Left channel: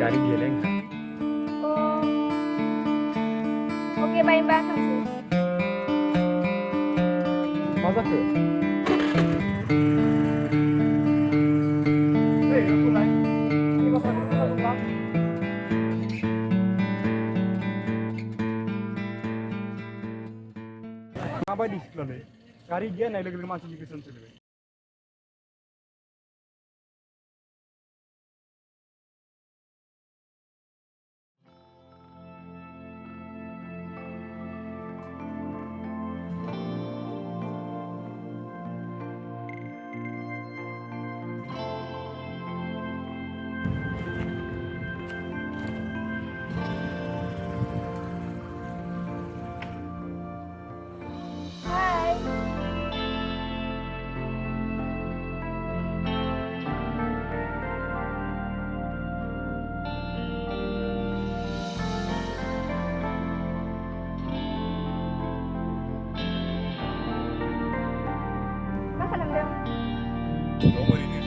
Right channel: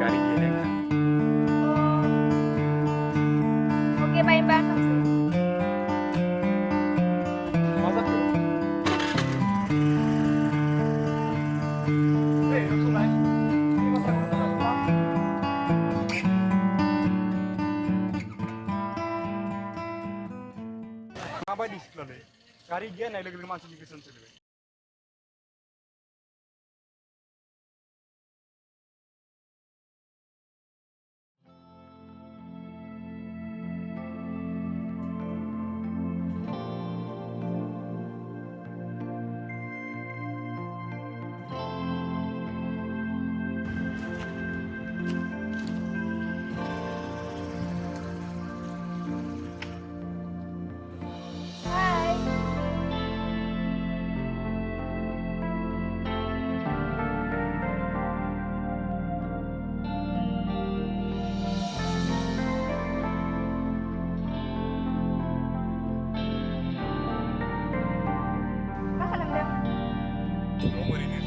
Kari dia lengka. Oh, oke baik banget sih. Masak ke? Hei, langsung naik. Ini masak dulu langsung pulang. Apa di sekolah deh? Kari dia naik lagi masuk di kesan sini. Hai. Masa nendang? Nomor ini.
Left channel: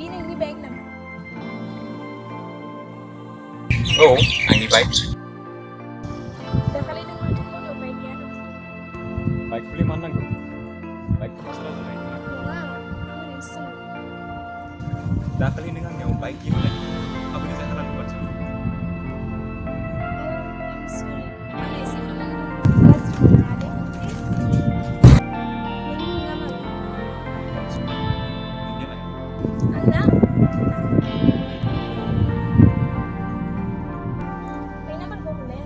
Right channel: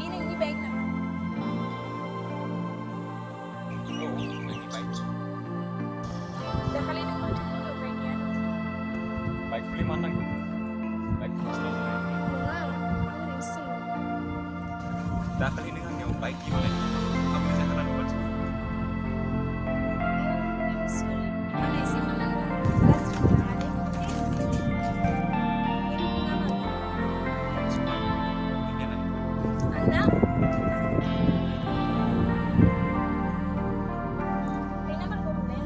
Pinang ini baik naman. Oh, ini baik. Dah kali nang mati ko do baik yan. Baik beli mana kok? Baik selalu naik. Bunga, ang rising. Dah kali dengan yang baik gimana? Aku bisa halan buat sini. I'm sorry. Ano isip naman mo? Last week na ali. Hindi naman. Cuma ini lah. Anak? Ay naman ko huli.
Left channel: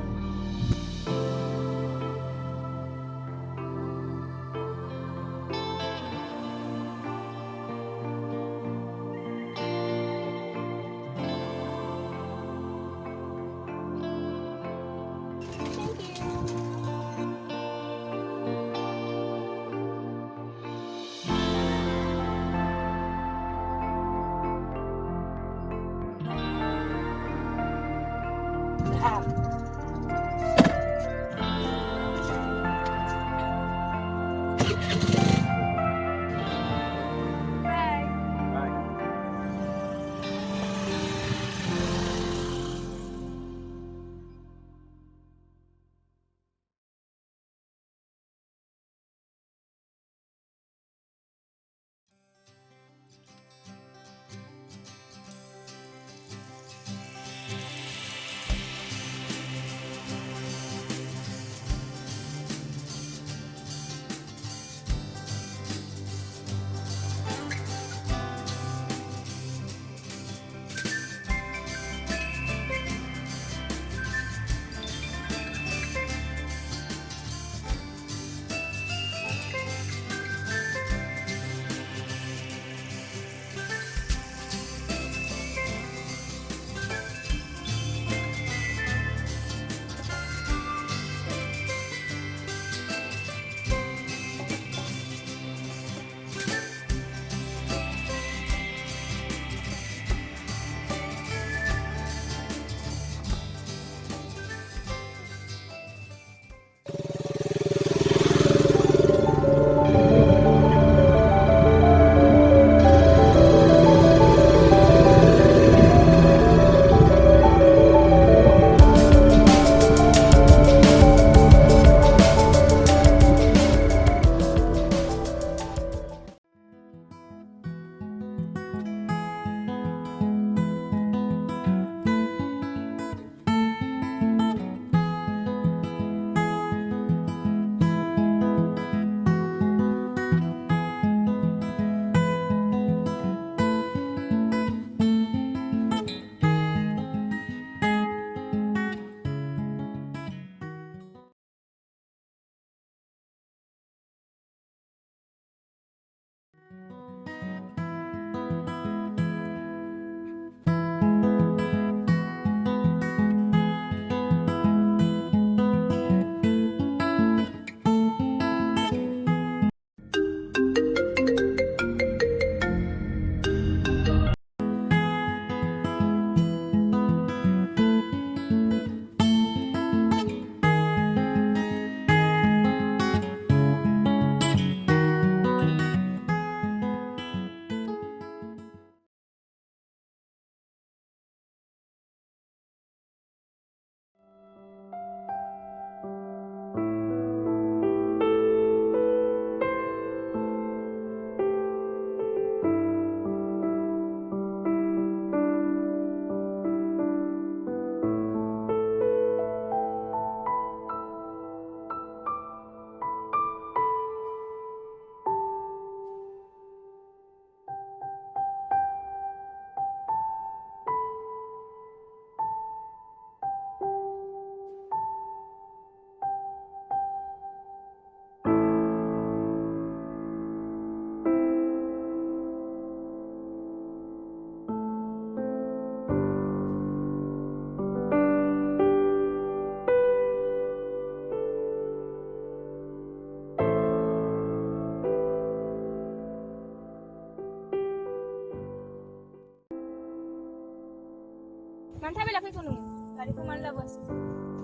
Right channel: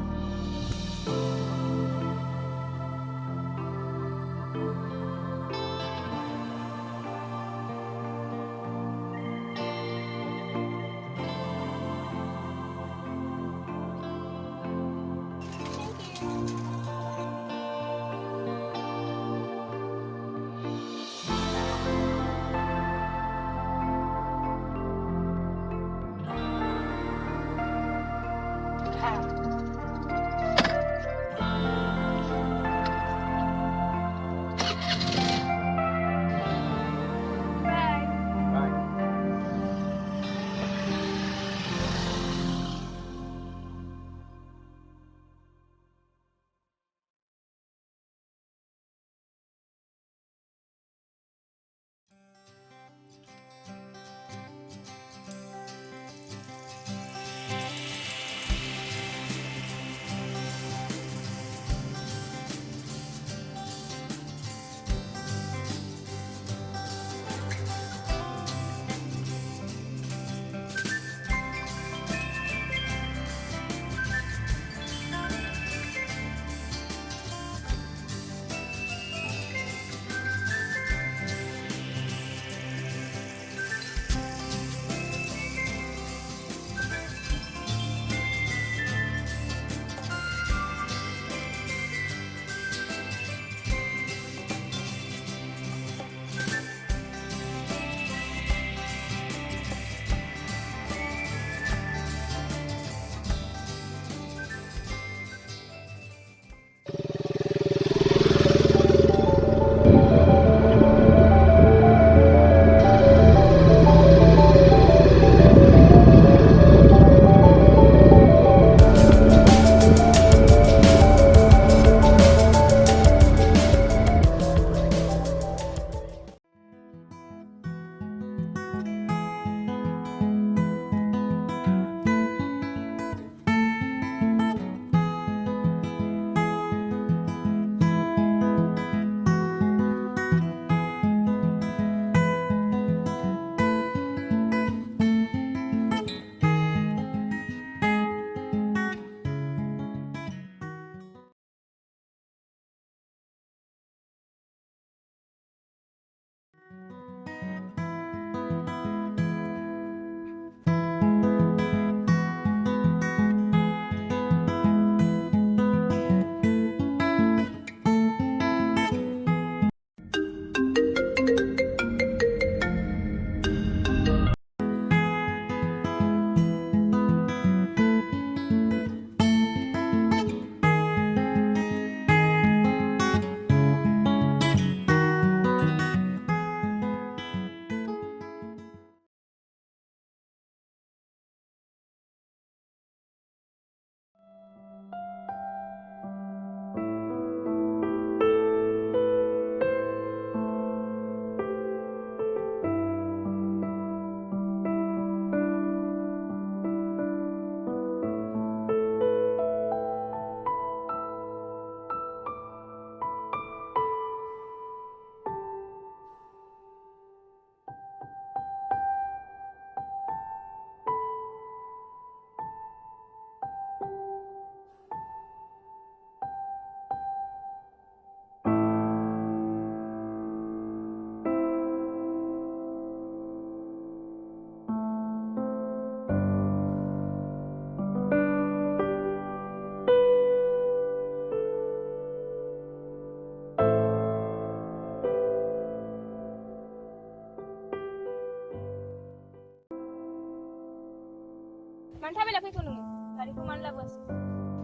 मानो थाबायना फैखो नोङो गारिखौ मानो लाबोआसै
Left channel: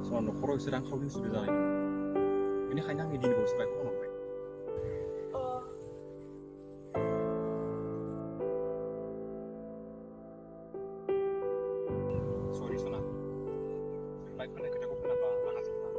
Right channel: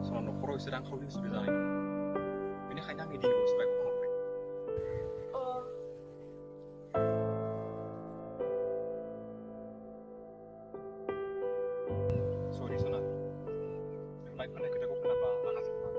सना न'खराव एसे रांखावरिनि उसुबिदा जानाय बेनिखायनो आं दिनै बावैसो बाइकखौ फानहरबाय अ सरि सना बाइक फाननाय खोथाखौ खोनाबा रागा जोंनो आं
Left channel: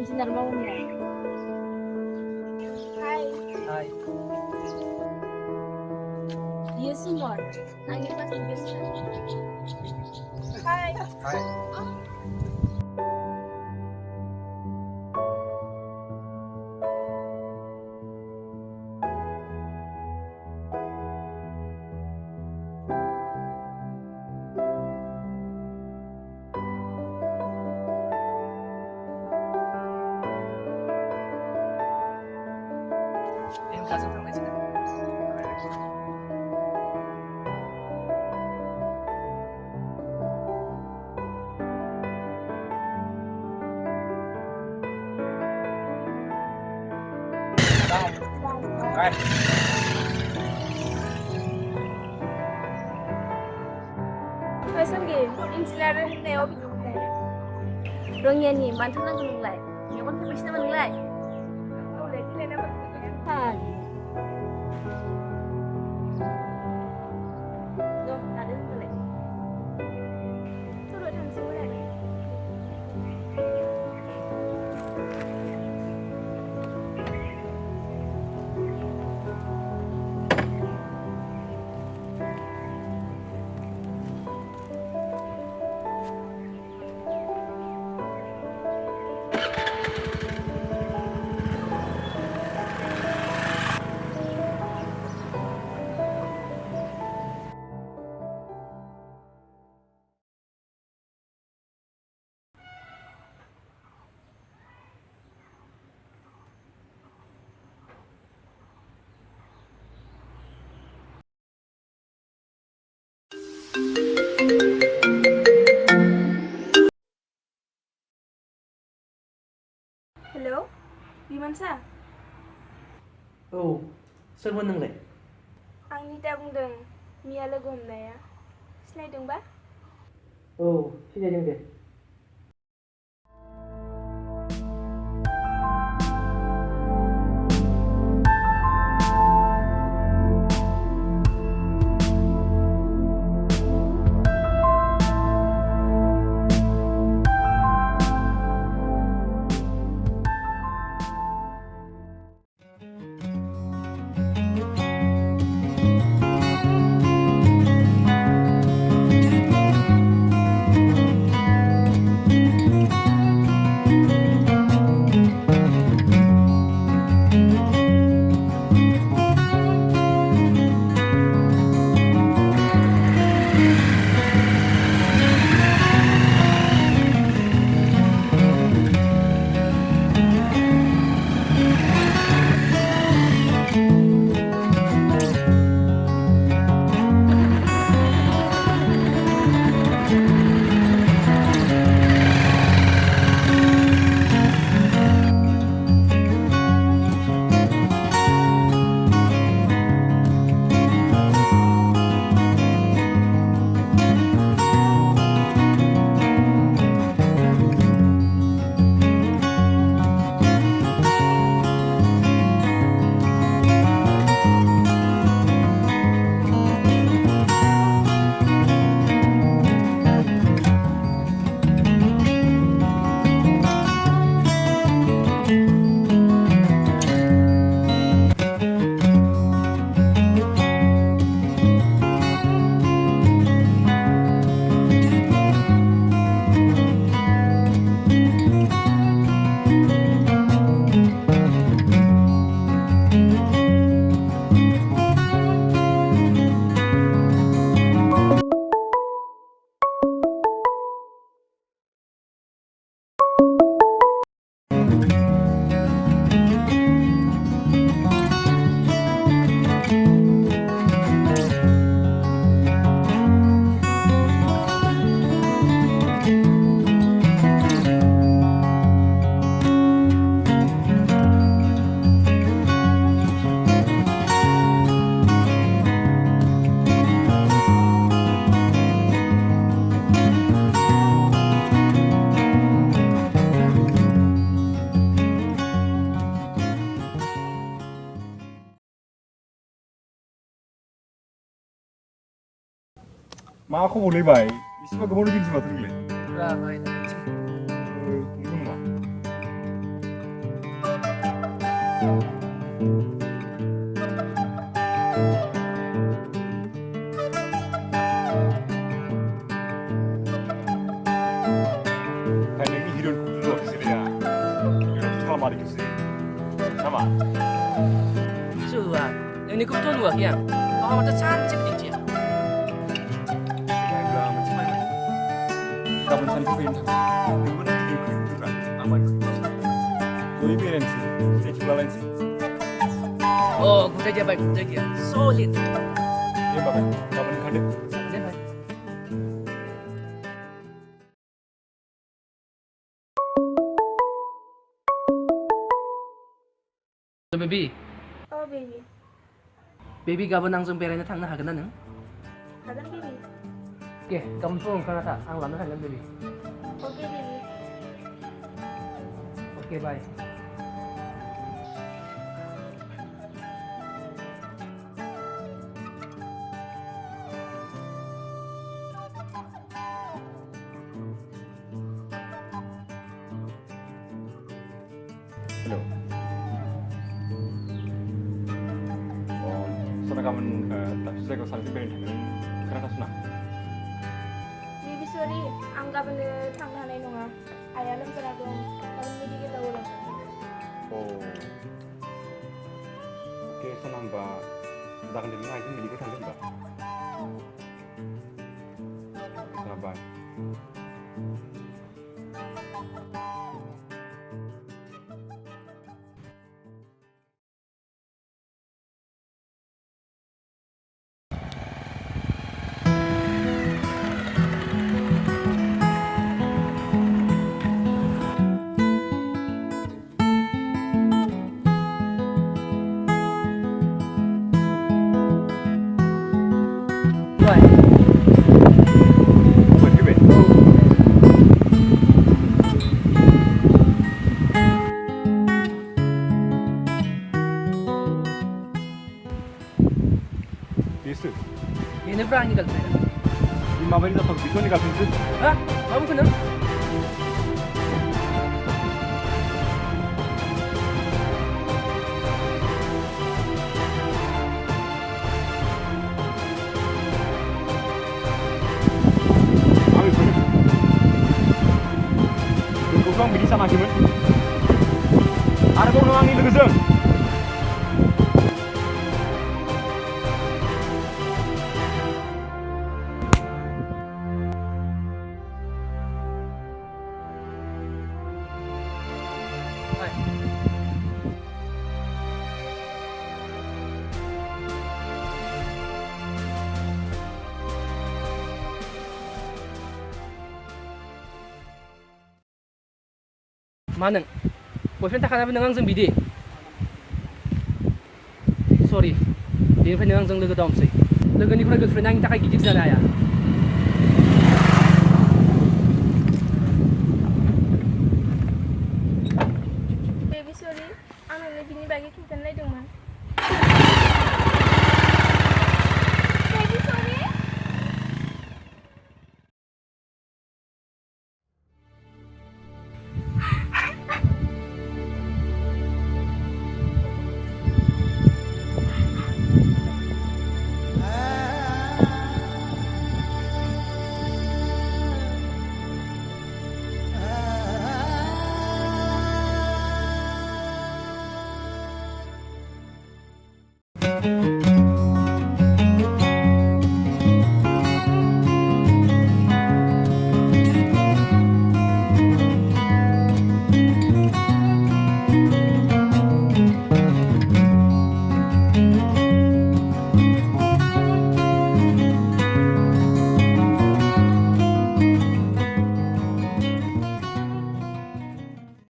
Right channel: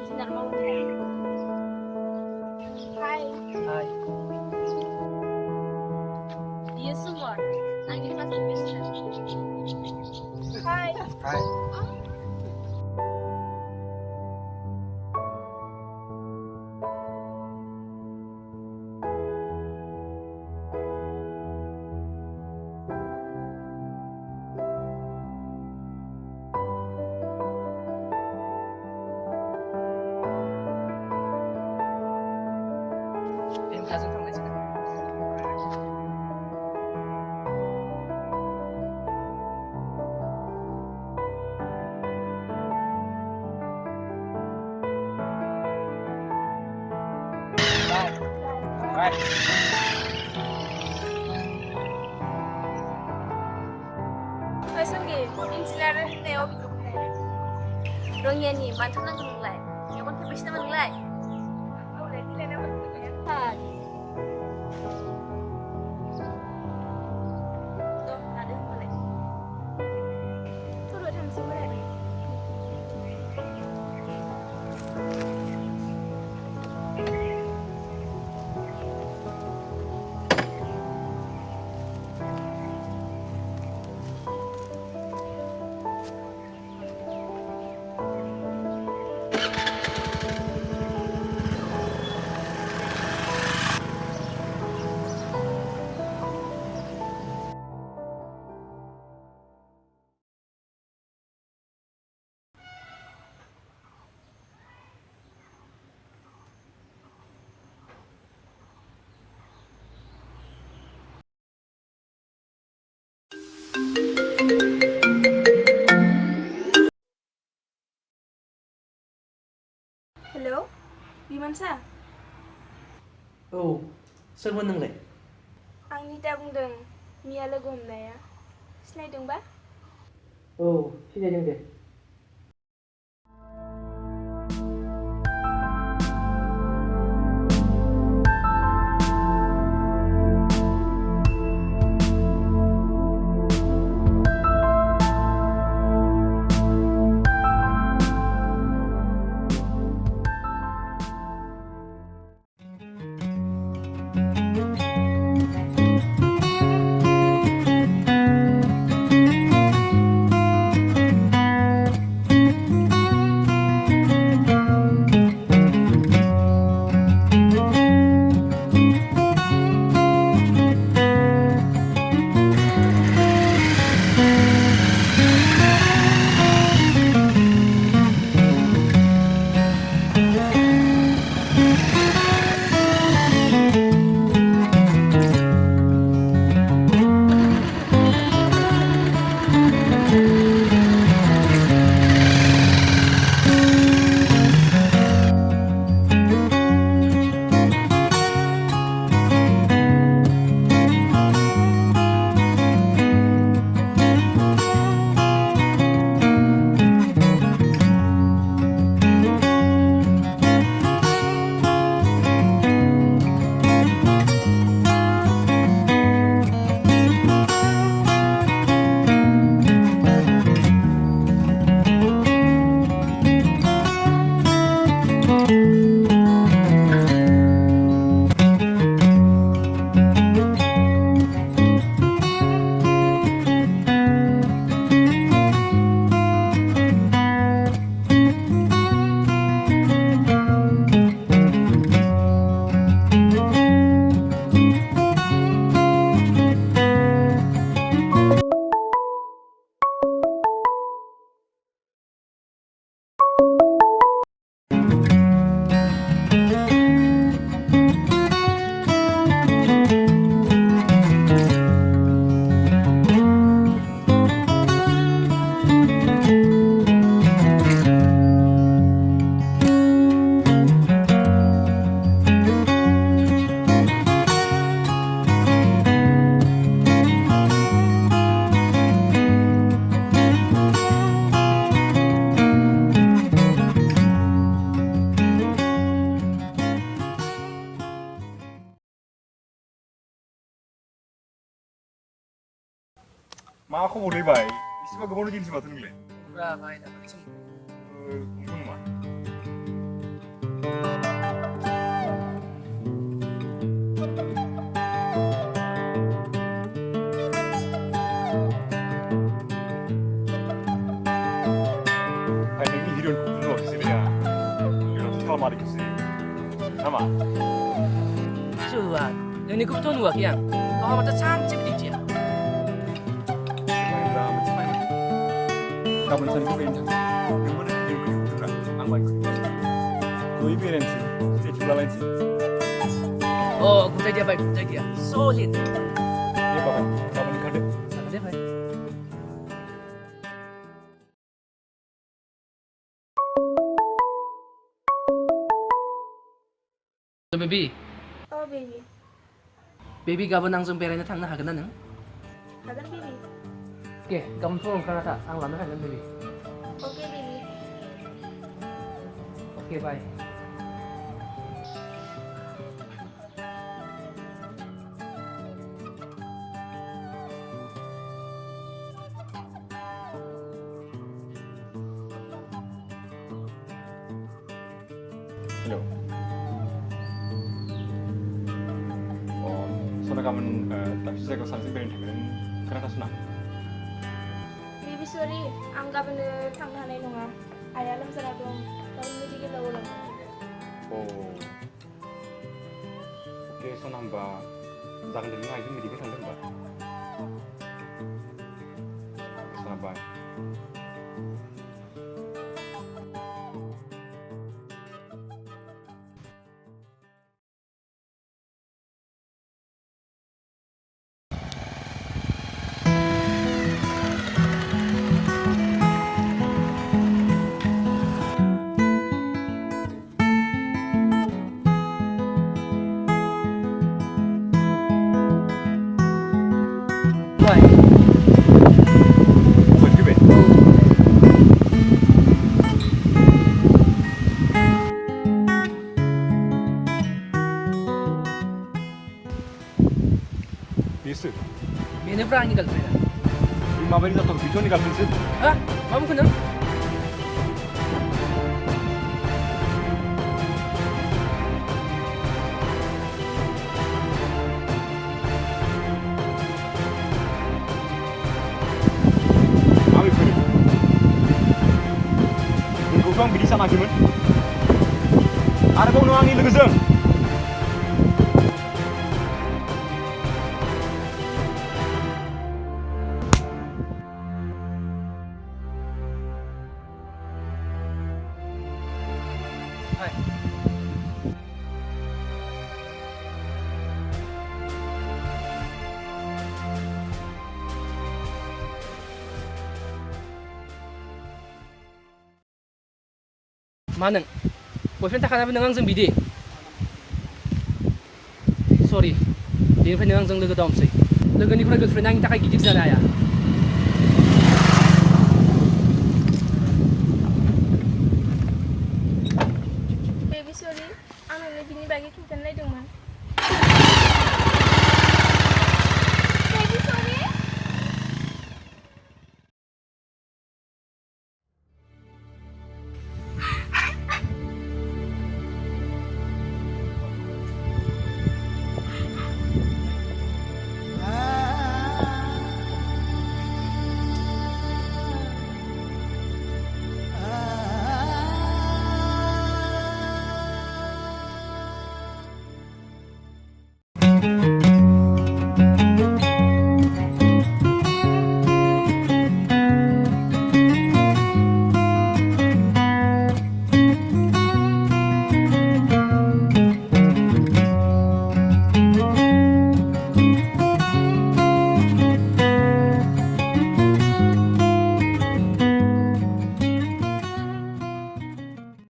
Insinyur mau ya? Hai. Hai. Dia semua. Angin kelas 3. Hai. Hai. Em ra xuống thang máy chưa? Bye. Faisal insinyur होननायाव बिदिनो रङियानि मानथो नांगौ नोंलाय मेगन खेबैसो नामा नोंलाय औलै दिलाय नाम्बार थाग लादो होनबालाय थर'आव थांसै बोराय हेलौ बिमानसा औ सोरमोन नोंलाय? आं निता बुंदों मिया लोगो हमनाया सिनायदोंबा? औ सिनायदों दे। मा खबरलै बाय इसेबा गोबाव लोगोनिसै माथो नोंलाय Ra baik tak kecil. नंगौ नामा ओमफ्राय नोंनि हिर'इनखौ नुवाखैसैलै आं हिर'इनावथ' खालामाखैसै नामा Cuba, yang ni kebetulan luak yang. Kau macam cantik begitu ya. होमब्ला मोनसे माइ माथो गाबोन साननिफ्राय बेरायनो थाङो नोंबो नोंनि हिर'इनखौ लिंहरदोब्रा आंबो आंनिखौ लिंहरसै जयै बेरायनोसै सिनायथि लालायनोसै Oh, kuda dia baik, kuda dia. Solid. दे होमबा बाय गाबोन ओंखारदो Jangan deh, baik. Baby, Oh baby, baby gaban ang beरायनो थांनो हागोन ना नों? hagan baby. Oke, gaban full ओंखारना था आं लानो थांगोन baby. Okay baby. Oke, bye. हेल' सना गाबोन दाबसे जायगायाव सानैजों बेरायनो थांगोन नों खोनाथासना Baby sorry, आं गाबोन थांनो हानाय नङा. आइया लोमजाना दं. गाबोन मेडिकेलाव लांनांगौ. अके सना होमबा जागोन दे नों आइजों मेडिकेल थांदो होमबा अके सना बाय Bye. मबाइल फैबाय Oh. बेसो Beनिफ्राय आंनि girlfriend. बे माबायदि जाथावखौ बेथ' आंनि गार्लफ्रेन्डसो Hah? Kamu kenal? आं बेखौनो नोंखौथ' आं बिदि सानाखैमोन आरोबाव नों आंनि लोगोजों Bye. मा नों बयफ्रेन्ड थाखानाबो नों आंजों बिदि सरि बेनिफ्राय नों आंजों लोगो दामसै लोगोनिफ्राय गार्लफ्रेन्ड आंनि थाखाय गिदिर जानो हाया